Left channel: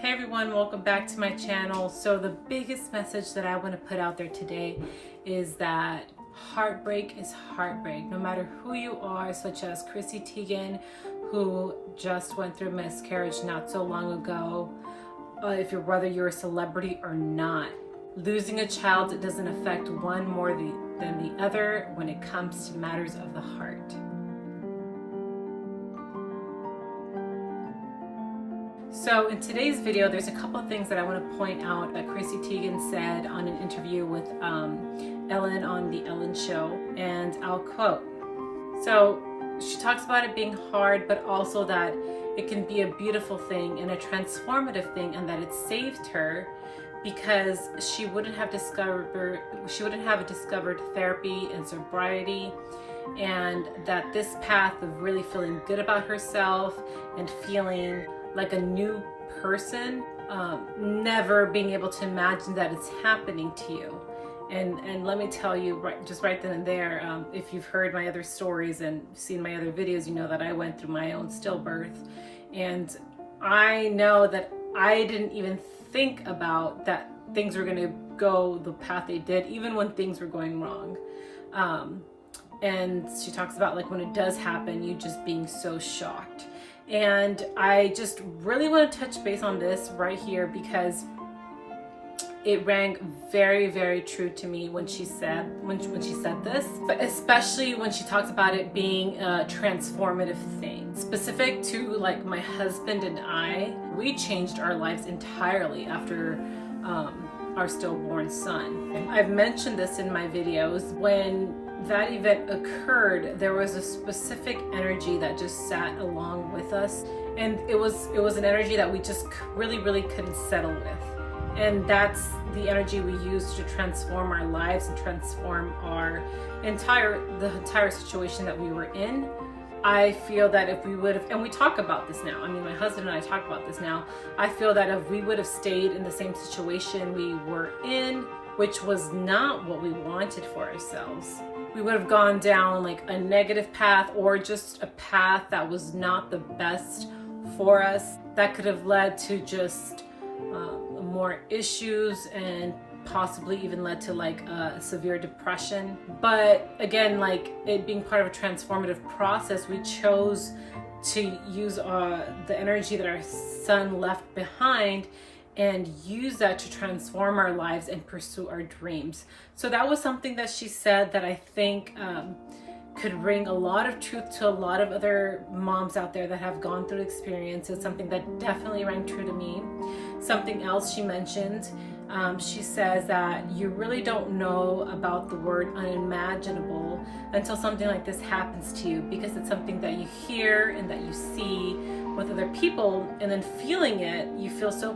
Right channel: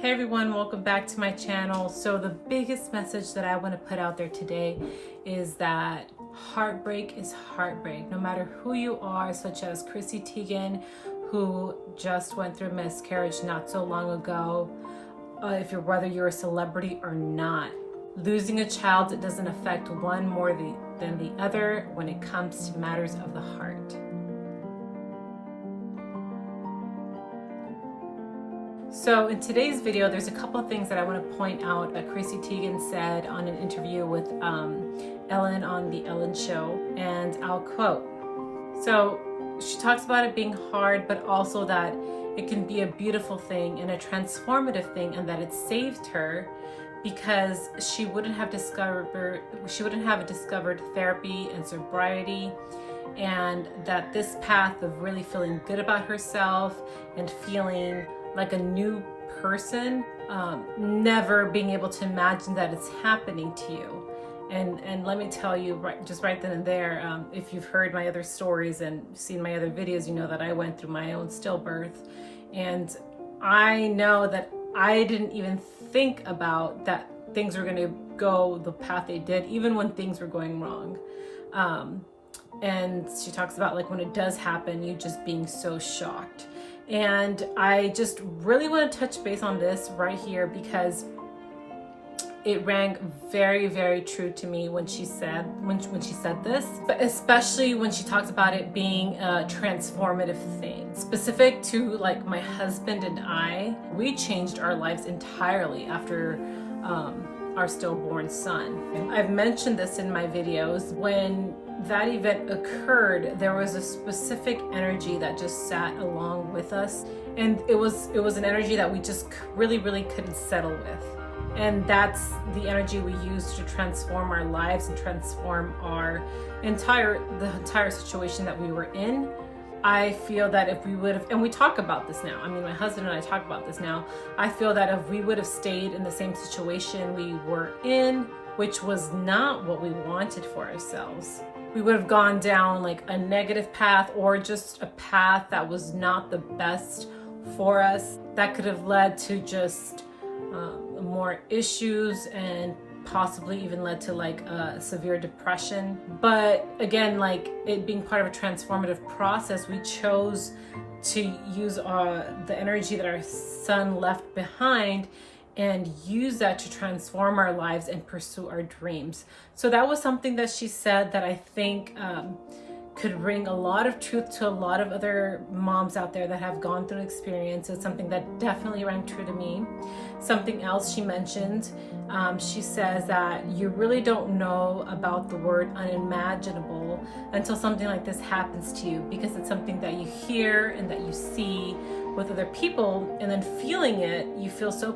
Hey everyone, welcome back to my channel. So the biggest message that I want to put out there today is that heartbreak is heartbreak. No matter who you are, such as Chrissy Teigen, who just went through miscarriage not so long ago, whether you're a celebrity or not, losing a child, it doesn't affect one more than the other when it comes to matters of the heart. So in today's video, there's a couple of things that I want to point out that Chrissy Teigen said on an interview with Ellen on the Ellen Show, and I'll quote. So she talks about it being hard, but also that it can be a beautiful thing and a transformative thing, and that it saved her because she wouldn't have discovered therapy and sobriety, and that this path of really feeling good about herself and feeling like a new person, never being able to imagine that it's happening to you. And let me tell you, right then and there, if you've heard my other stories and seen my other videos, you know that I went through my own stillbirth, and I know that I didn't even think about that things were going to go the path they did, even when things were going wrong. And she talks about like when it does happen, you just being so shocked. And I just really want to touch base on this right here because it rang very, very true to me when she said this, but especially when she talks about it being a transformative thing. Specific to like my husband and I, we changed our lives entirely after our stillborn son. I've mentioned this in my videos. When that event occurred, there was a specific energy that just sat along with us, and it was an energy that we just really couldn't settle with. And that's the energy we use to transform our lives and transform the entire situation that we were in. I feel that if we would have, and we talk about this now, I mean, my husband and I talk about this now, I feel that if we would have stayed in the same situation we were in, which was not what we wanted for ourselves, we would have gone down like a negative path, or just a path that was not the best for us, that could have led to just more issues and possibly even led to like a severe depression. But again, like it being part of a transformative process, we chose to use the energy that our son left behind and use that to transform our lives and pursue our dreams. So that was something that she said that I think could bring a lot of truth to a lot of other moms out there that have gone through experience. It's something that definitely rang true to me. Something else she mentioned, she says that you really don't know about the word unimaginable until something like this happens to you, because it's something that you hear and that you see with other people, and then feeling it, you feel so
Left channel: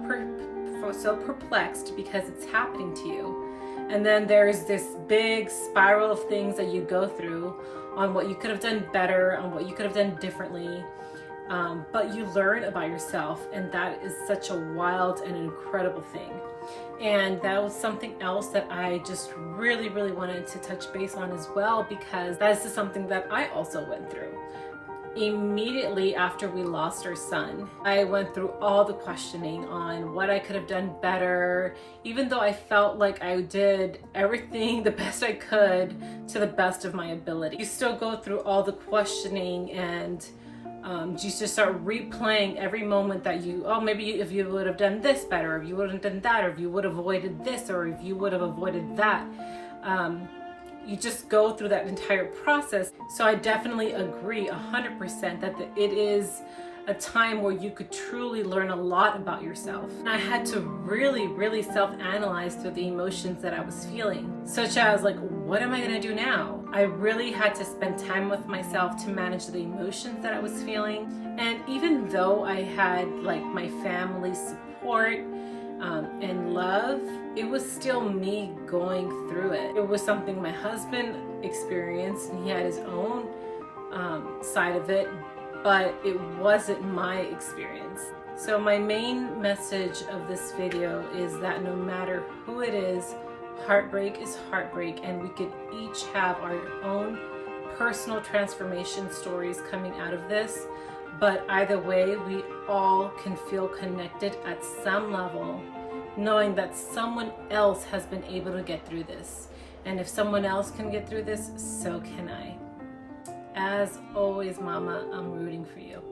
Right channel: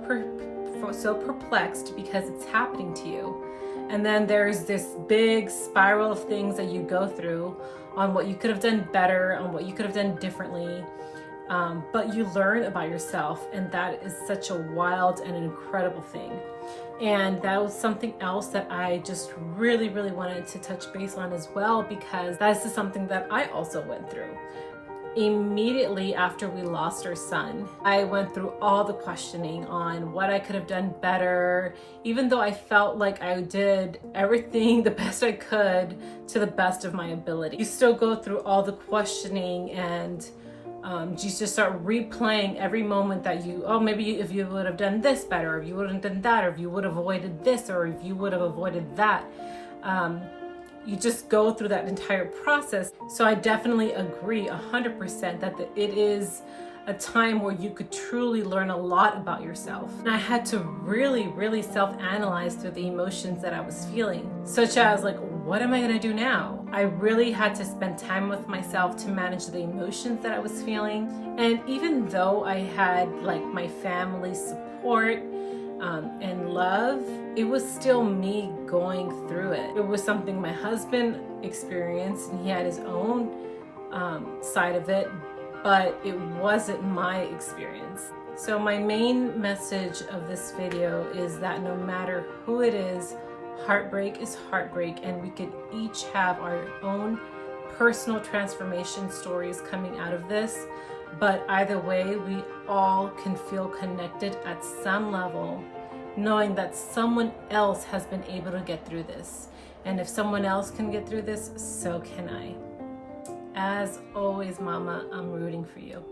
perplexed because it's happening to you. And then there's this big spiral of things that you go through on what you could have done better, on what you could have done differently. But you learn about yourself, and that is such a wild and incredible thing. And that was something else that I just really wanted to touch base on as well, because that's something that I also went through. Immediately after we lost our son, I went through all the questioning on what I could have done better, even though I felt like I did everything the best I could to the best of my ability. You still go through all the questioning, and you just start replaying every moment that maybe if you would have done this better, or if you would have done that, or if you would have avoided this, or if you would have avoided that. You just go through that entire process. So I definitely agree 100% that it is a time where you could truly learn a lot about yourself. And I had to really self-analyze through the emotions that I was feeling, such as like, what am I gonna do now? I really had to spend time with myself to manage the emotions that I was feeling. And even though I had like my family's support and love, it was still me going through it. It was something my husband experienced, and he had his own side of it, but it wasn't my experience. So my main message of this video is that no matter who it is, heartbreak is heartbreak, and we could each have our own personal transformation stories coming out of this. But either way, we all can feel connected at some level, knowing that someone else has been able to get through this. And if someone else can get through this, so can I. As always, Mama, I'm rooting for you.